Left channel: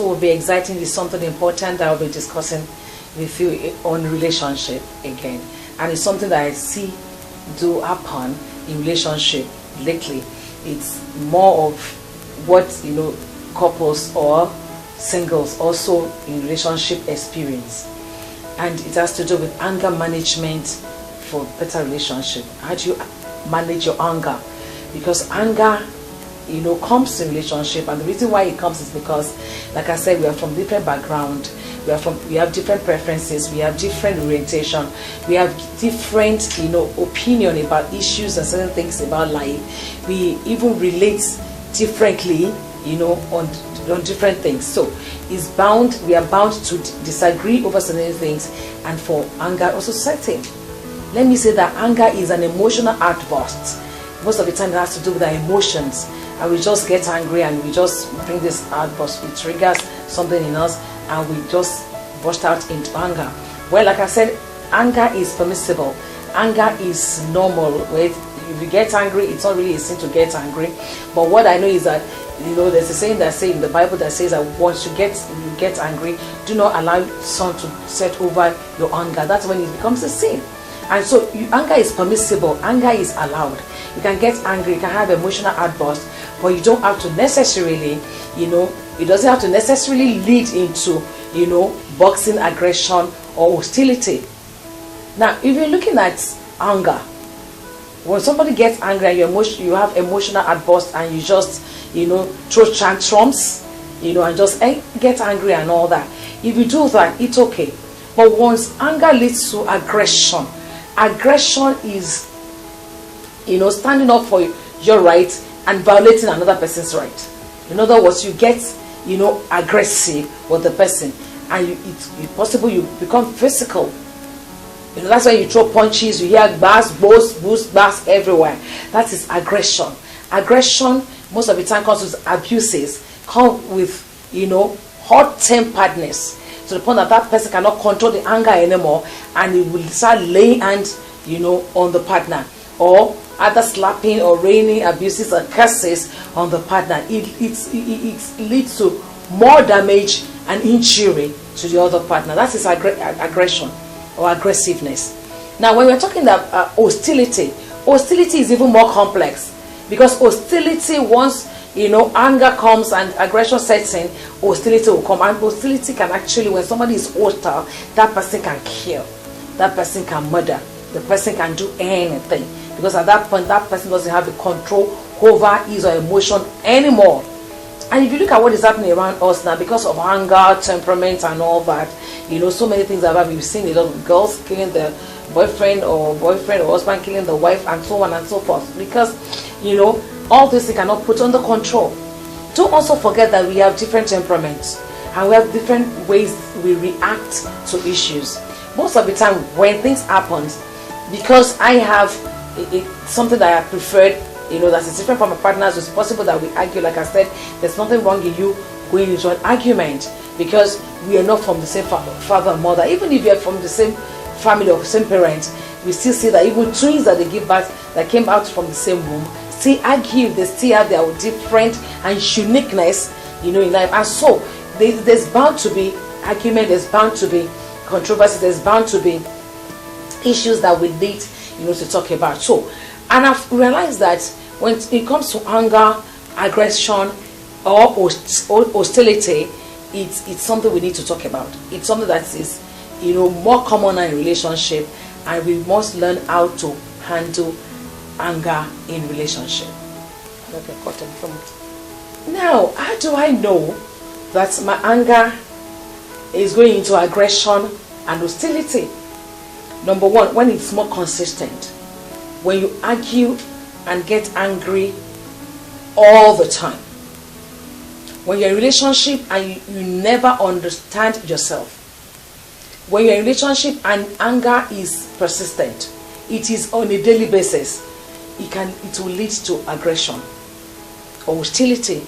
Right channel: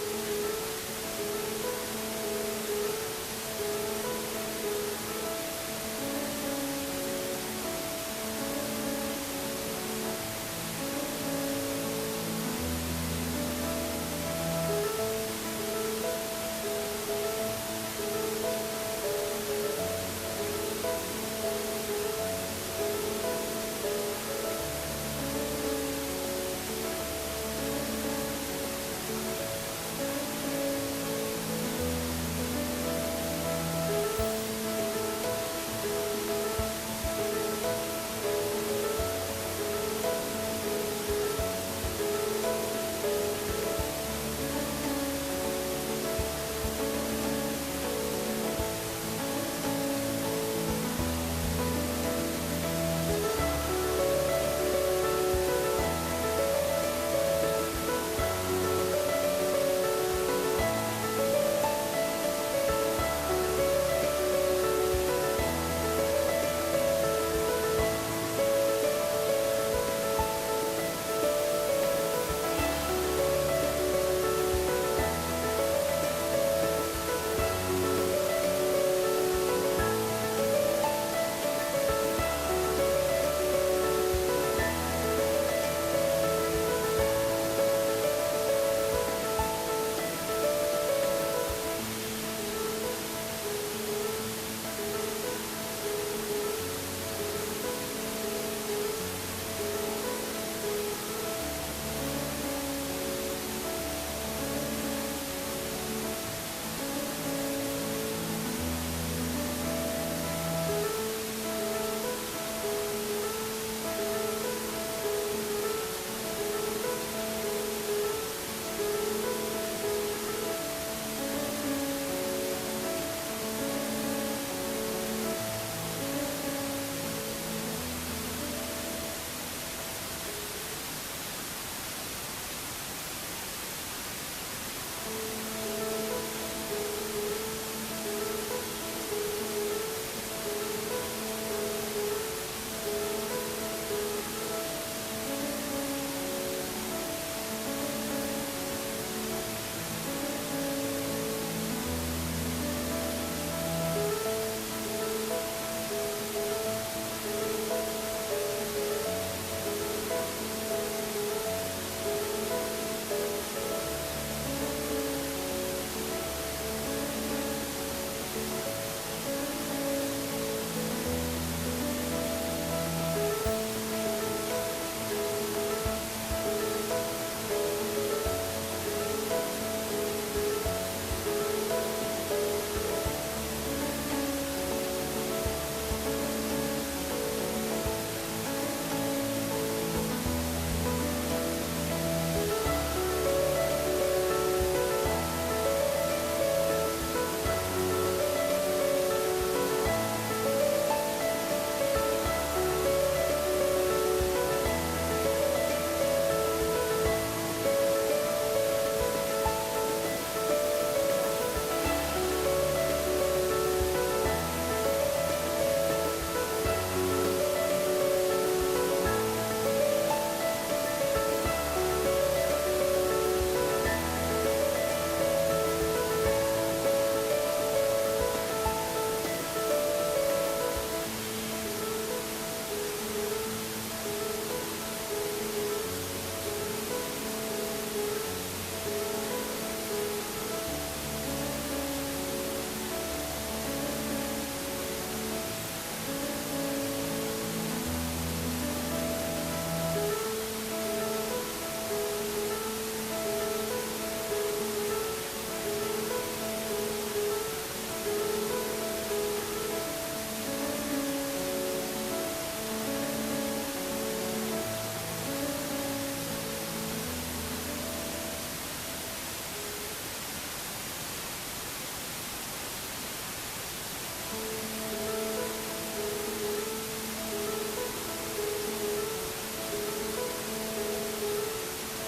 also will be exciting is something important that I'll be discussing with you on relationship again. And it's something that I see do happen in relationship lately. It's more of what, couples or singles also in relationship experience. And it has to do with anger management for better relationship. How do you manage your anger? Because anger, comes in relationship, and the reason why it comes is because, like I said, we are from different background, we have different preferences, we have different orientation, we have different, opinion about issues and certain things about life. We even relate differently, on different things. So we are bound to disagree over certain things, and for anger also setting. Let me say that anger is an emotional outburst. Most of the time it has to do with our emotions, and we just get angry and we just bring this outburst, it triggers something in us, and we just burst out into anger. Well, like I said, anger is permissible. Anger is normal. If you get angry, it's not really a sin to get angry. But what I know is that, there's a saying that says in the Bible that says that once you get angry, do not allow sun to set over your anger. That's when it becomes a sin. And so anger is permissible. Anger is allowed. You can get angry, you can have emotional outbursts, but you don't have to necessarily, it doesn't have to necessarily lead into, boxing, aggression, or hostility. Now, if you're looking at anger, when somebody gets angry and you have emotional outbursts and you just, throw tantrums, and just get angry and all that. If you do that, it's okay. But once anger leads to aggression is, standing up for your right and violating another person's right. In other words, you get, aggressive with the person, and it's possible you become physical. That's why you throw punches, you hear bars, bars everywhere. That is aggression. Aggression most of the time comes with abuses, come with, hot-temperedness, to the point that that person cannot control the anger anymore, and it will start laying hands, on the partner, or either slapping or raining abuses or curses on the partner. It leads to more damage and injury to the other partner. That is aggression or aggressiveness. Now, when we're talking about hostility is even more complex, because hostility, once anger comes and aggression sets in, hostility will come. And hostility can actually, when somebody is hostile, that person can kill, that person can murder, the person can do anything, because at that point that person doesn't have the control over his or emotion anymore. And if you look at what is happening around us now, because of anger, temperament and all that, so many things have happened. We've seen a lot of girls killing the boyfriend or husband killing the wife, and so on and so forth, because all this they cannot put under control. Don't also forget that we have different temperaments, and we have different ways we react to issues. Most of the time when things happen, because I have something that I preferred, that is different from my partners, it's possible that we argue. Like I said, there's nothing wrong in you going into an argument, because we are not from the same father and mother. Even if we are from the same family or the same parents, we still see that even twins that they give birth, that came out from the same womb, still argue. They still have their different and uniqueness, in life. And so there's bound to be argument, there's bound to be controversy, there's bound to be issues that we need, to talk about. So, and I've realized that when it comes to anger, aggression, or hostility, it's something we need to talk about. It's something that is, more common in relationship, and we must learn how to handle anger in relationship. Now, how do I know that my anger is going into aggression and hostility? Number one, when it's more consistent. When you argue and get angry all the time. When you're in a relationship and you never understand yourself. When you're in a relationship and anger is persistent, it is on a daily basis, it will lead to aggression or hostility.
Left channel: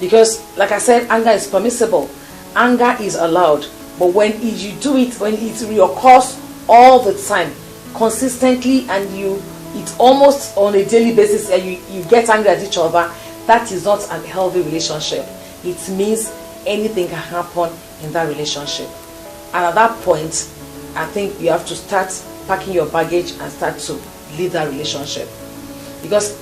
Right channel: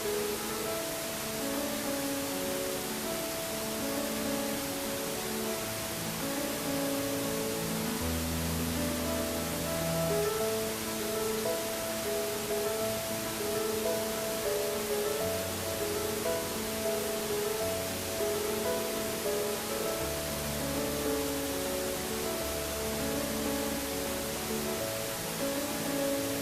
Because, like I said, anger is permissible, anger is allowed, but when you do it, when it reoccurs all the time, consistently, and it's almost on a daily basis, and you get angry at each other, that is not a healthy relationship. It means anything can happen in that relationship. And at that point, I think you have to start packing your baggage and start to leave that relationship. Because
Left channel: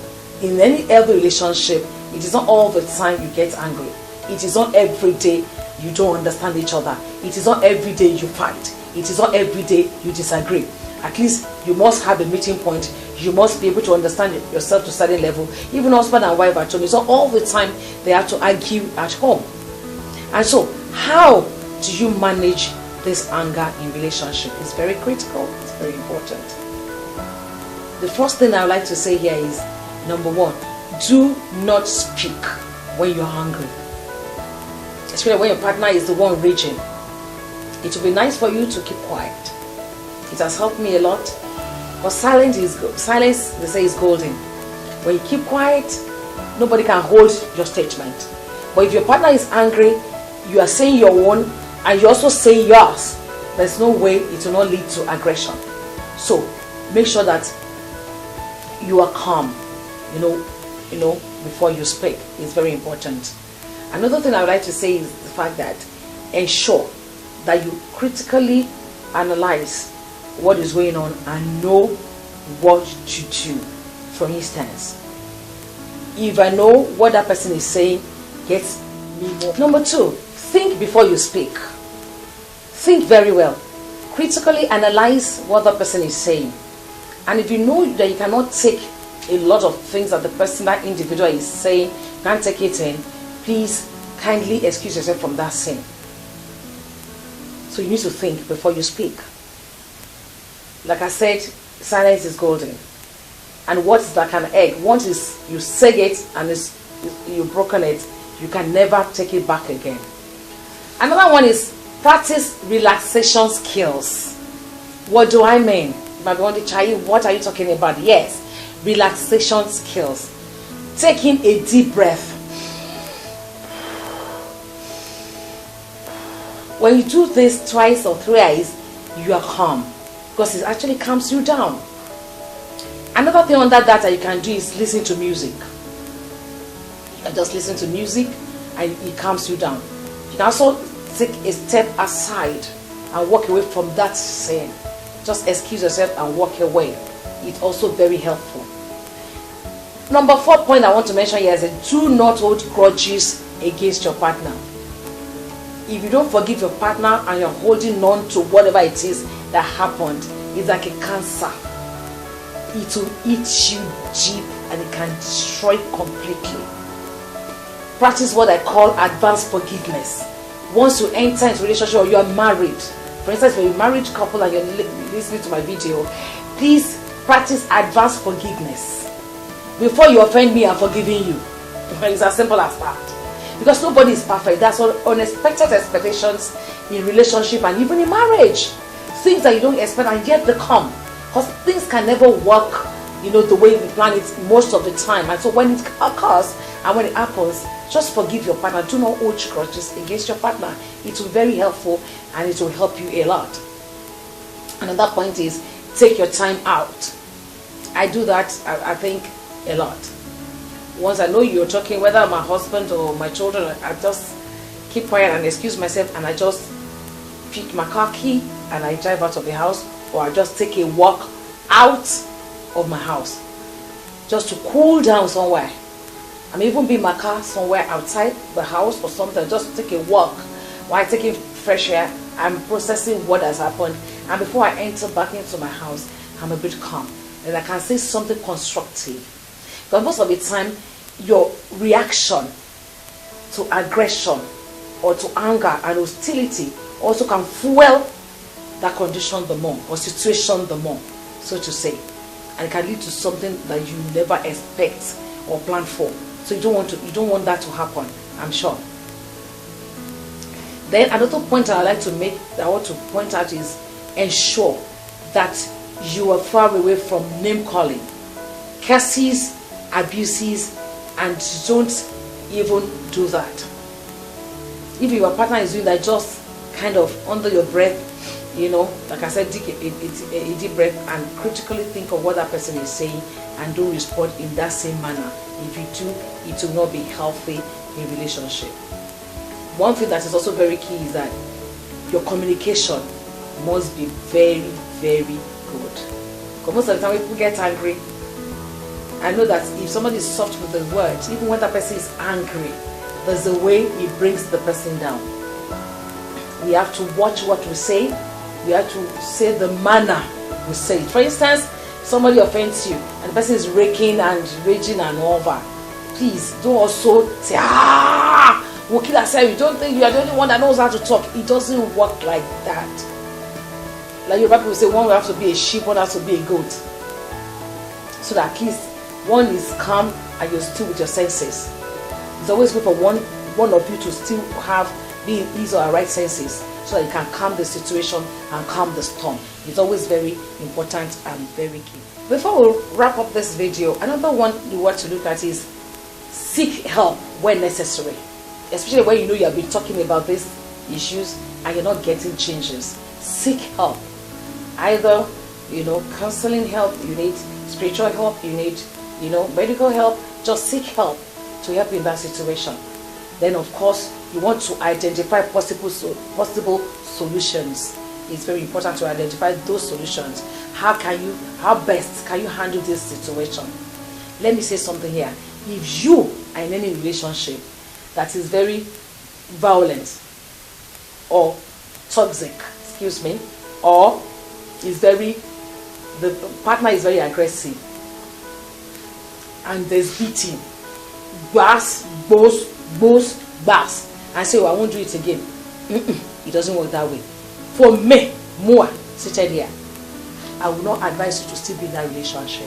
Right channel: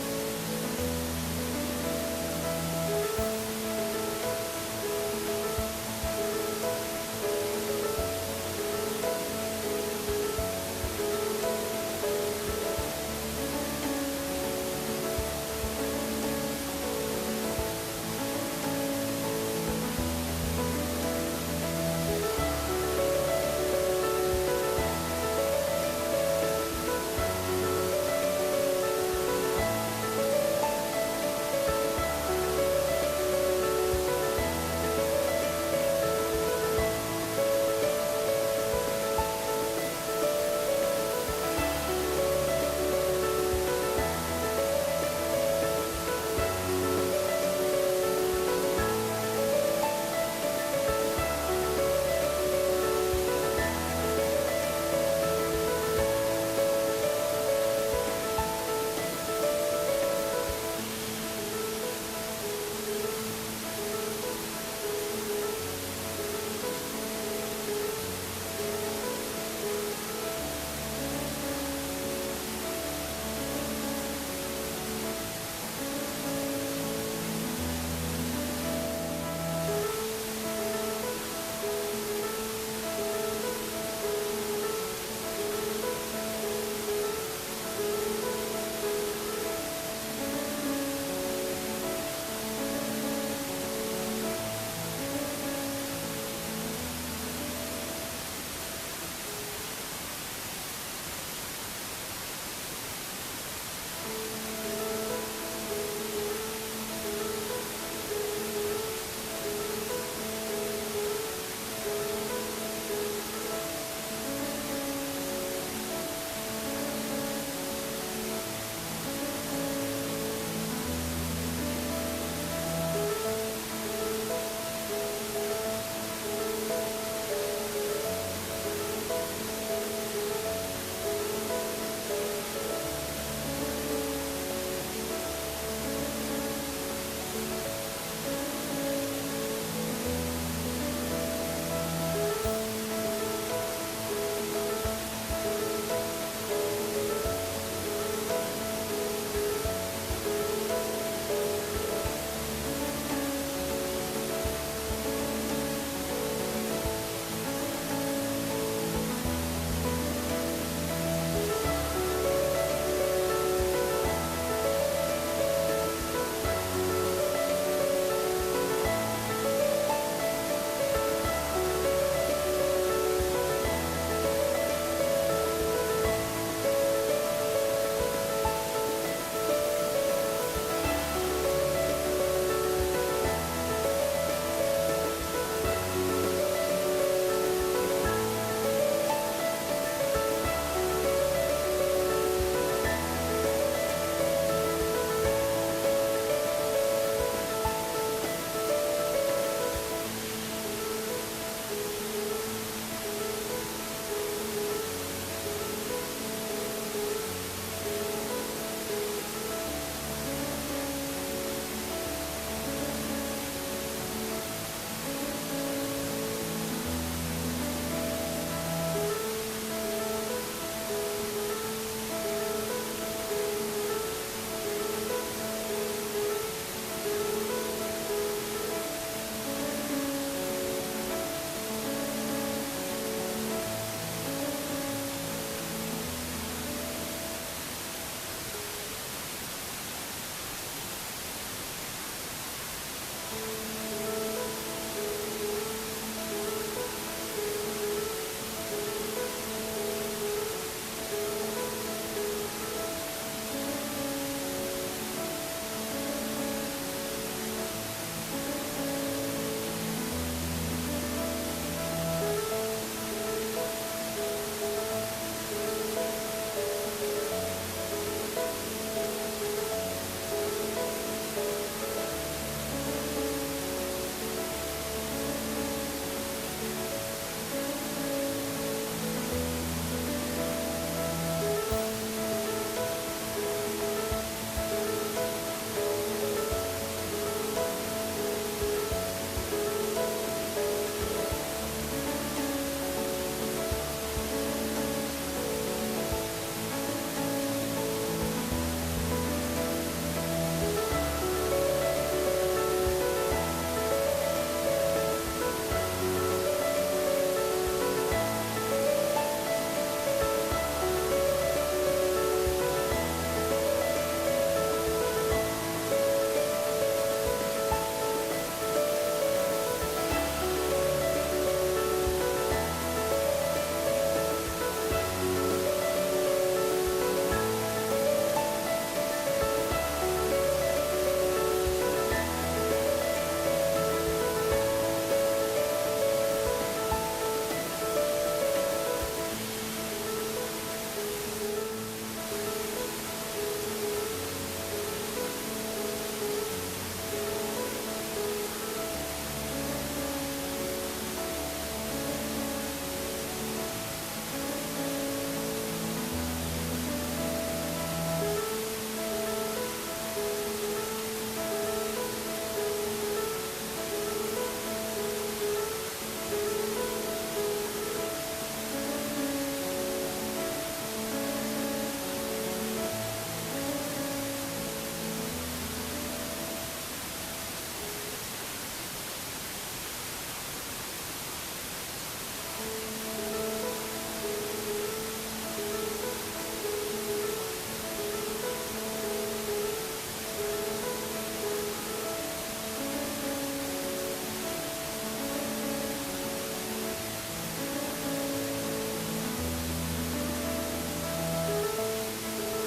in any healthy relationship, it is not all the time you get angry. It is not every day you don't understand each other. It is not every day you fight. It is not every day you disagree. At least you must have a meeting point. You must be able to understand yourself to a certain level. Even husband and wife at home, it's not all the time they have to argue at home. And so, how do you manage this anger in relationship? It's very critical. It's very important. The first thing I would like to say here is, number one, do not speak when you're angry. Especially when your partner is the one raging. It will be nice for you to keep quiet. It has helped me a lot. Because silence, they say, is golden. When you keep quiet, nobody can hold your statement. But if your partner is angry, you are saying your own, and you also say yours, there's no way it will not lead to aggression. So make sure that you are calm, before you speak. It's very important. Another thing I would like to say is the fact that ensure that you critically analyze what is going on and know what to do. For instance, if I know what that person is saying, get me more. Number two, think before you speak. Think very well. Critically analyze what the person is saying. And if you know that you cannot take a lot of things that the person, that individual is saying, can't take it in, please kindly excuse yourself from that sin. So you need to think before you speak. Like I said, silence is golden. And what is like an egg? Once you say it and you've broken it, you can never take it back again. Another one is practice relaxation skills. What do I mean? What are you talking about? Yes, relaxation skills. Taking a deep breath. When you do this twice or thrice, you are calm, because it actually calms you down. Another thing under that you can do is listen to music. Just listen to music and it calms you down. You can also take a step aside and walk away from that scene. Just excuse yourself and walk away. It's also very helpful. Number 4 point I want to mention here is do not hold grudges against your partner. If you don't forgive your partner and you're holding on to whatever it is that happened, it's like a cancer. It will eat you deep and it can destroy you completely. Practice what I call advanced forgiveness. Once you enter into a relationship or you are married, for instance, if you're a married couple and you're listening to my video, please practice advanced forgiveness. Before you offend me, I'm forgiving you. It's as simple as that. Because nobody is perfect. There's unexpected expectations in relationship and even in marriage. Things that you don't expect and yet they come. Because things can never work, the way we plan it most of the time. And so when it occurs and when it happens, just forgive your partner. Do not hold grudges against your partner. It will be very helpful and it will help you a lot. Another point is take your time out. I do that, I think, a lot. Once I know you're talking, whether my husband or my children, I just keep quiet and excuse myself, and I just pick my car key and I drive out of the house, or I just take a walk out of my house just to cool down somewhere. I may even be in my car somewhere outside the house or something, just take a walk while taking fresh air. I'm processing what has happened, and before I enter back into my house, I'm a bit calm and I can say something constructive. But most of the time, your reaction to aggression or to anger and hostility also can fuel that condition the more, or situation the more, so to say. And it can lead to something that you never expect or plan for. So you don't want that to happen, I'm sure. Then another point I want to point out is ensure that you are far away from name calling, curses, abuses, and don't even do that. If your partner is doing that, just kind of under your breath, like I said, take a deep breath and critically think of what that person is saying and don't respond in that same manner. If you do, it will not be healthy in relationship. one thing that is also very key is that your communication must be very, very good. But most of the time when people get angry, I know that if somebody is soft with the words, even when that person is angry, there's a way it brings the person down. We have to watch what we say. We have to say the manner we say it. For instance, somebody offends you and the person is raking and raging and all that. Please don't also say, we'll kill ourselves. You don't think you are the only one that knows how to talk. It doesn't work like that. Like your people say, one will have to be a sheep, one has to be a goat. So that at least one is calm and you're still with your senses. It's always good for one of you to still have these or right senses so that you can calm the situation and calm the storm. It's always very important and very key. Before we wrap up this video, another one you want to look at is seek help when necessary. Especially when you know you have been talking about these issues and you're not getting changes. Seek help. Either, counseling help, you need spiritual help, you need, medical help. Just seek help to help in that situation. Then, of course, you want to identify possible solutions. It's very important to identify those solutions. How best can you handle this situation? Let me say something here. If you are in any relationship that is very violent or toxic, or the partner is very aggressive and there's beating, bass, and say, I won't do it again. It doesn't work that way. For me, more seated here, I will not advise you to still be in that relationship.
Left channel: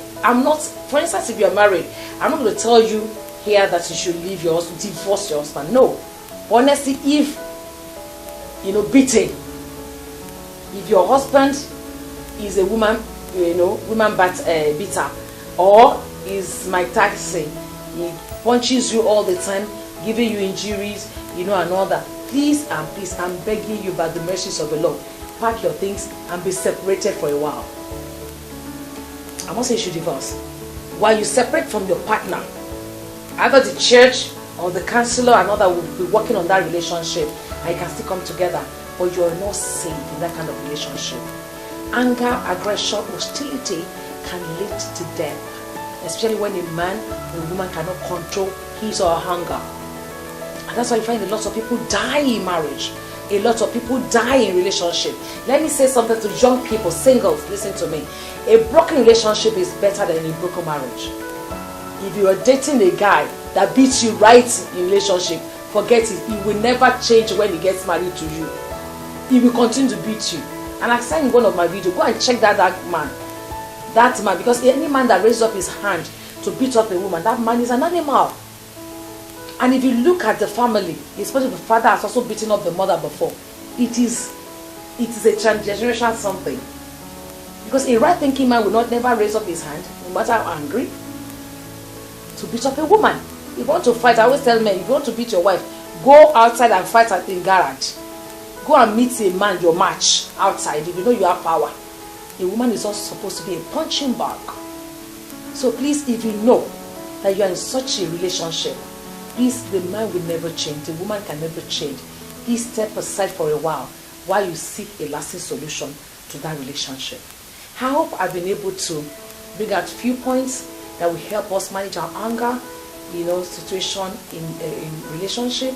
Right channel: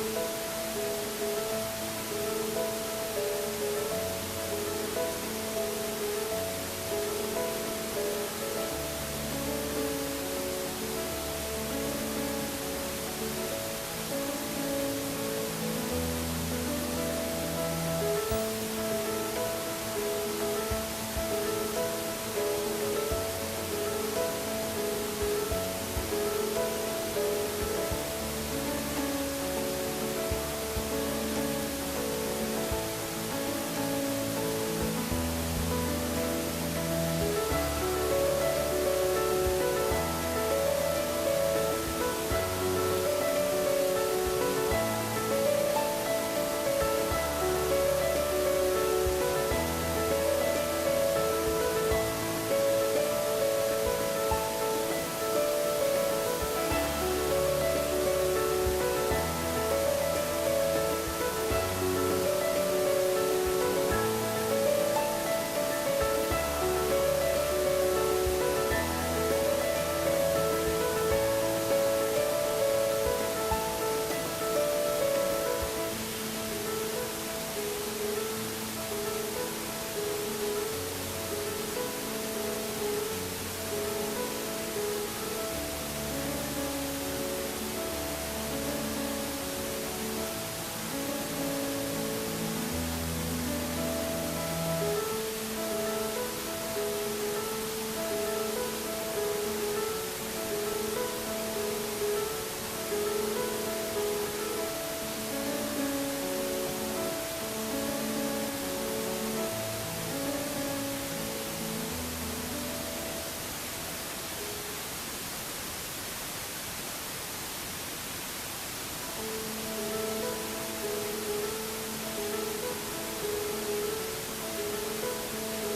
For instance, if you are married, I'm not going to tell you here that you should leave your husband, divorce your husband. No. Honestly, if, beating, if your husband is a woman, beater, or is Mike Tyson, he punches you all the time, giving you injuries, and all that. Please, I'm begging you by the mercies of the Lord, pack your things and be separated for a while. I'm not saying you should divorce. While you separate from your partner, either the church or the counselor and all that will be working on that relationship, and you can still come together, or you're not safe in that kind of relationship. Anger, aggression, hostility can lead to death, especially when a man or a woman cannot control his or her anger. And that's why you find a lot of people die in marriage. A lot of people die in relationship. Let me say something to young people, singles, listen to me. A broken relationship is better than a broken marriage. If you are dating a guy that beats you right in relationship, forget it. He will never change when he gets married to you. He will continue to beat you. And I said in one of my videos, go and check that man. That man, because any man that raises up his hand to beat up a woman, that man is an animal. And if you look at the family, especially the father has also beaten up the mother before, it is a transgenerational something. Because a right-thinking man will never raise up his hand, no matter how angry, to beat up a woman. If you want to fight, I always tell men, if you want to beat your wife, go outside and fight at the garage. Go and meet a man, your match, outside, if you know you have power. A woman is also supposed to be a punching bag. So please, if you know that you are in such a relationship, please, the man will never change, the woman can never change. Please step aside for a while you seek a lasting solution to that relationship. I hope I've been able to bring out a few points that will help us manage our anger, situation in relationship.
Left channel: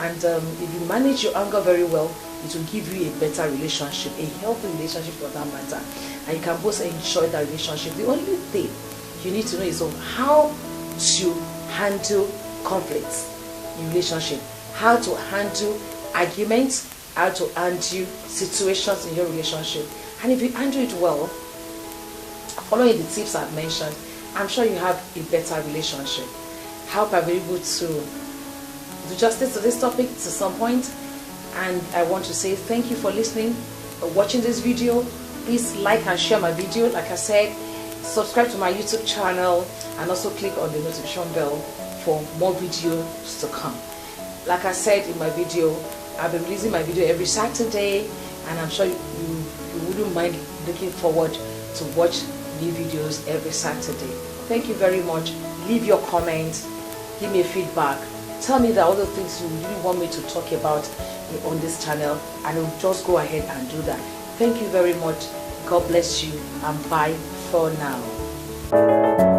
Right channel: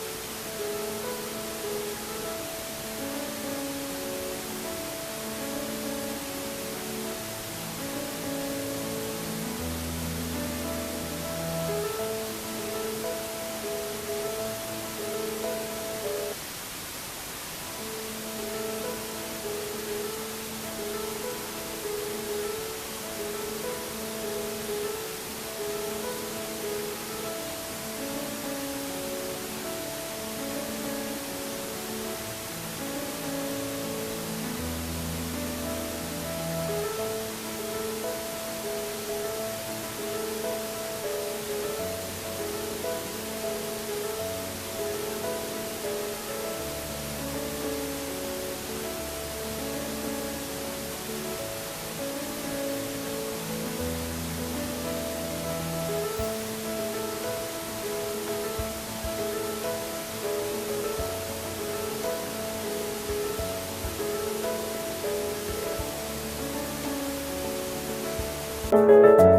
And if you manage your anger very well, it will give you a better relationship, a healthy relationship for that matter. And you can both enjoy that relationship. The only thing you need to know is how to handle conflicts in relationship, how to handle arguments, how to handle situations in your relationship. And if you handle it well, following the tips I've mentioned, I'm sure you have a better relationship. I hope I've been able to do justice to this topic to some point. And I want to say thank you for listening, for watching this video. Please like and share my video. Like I said, subscribe to my YouTube channel and also click on the notification bell for more videos to come. Like I said in my video, I've been releasing my video every Saturday, and I'm sure you wouldn't mind looking forward to watch new videos every Saturday. Thank you very much. Leave your comments, give me feedback, tell me the other things you really want me to talk about on this channel, and I'll just go ahead and do that. Thank you very much. God bless you, and bye for now.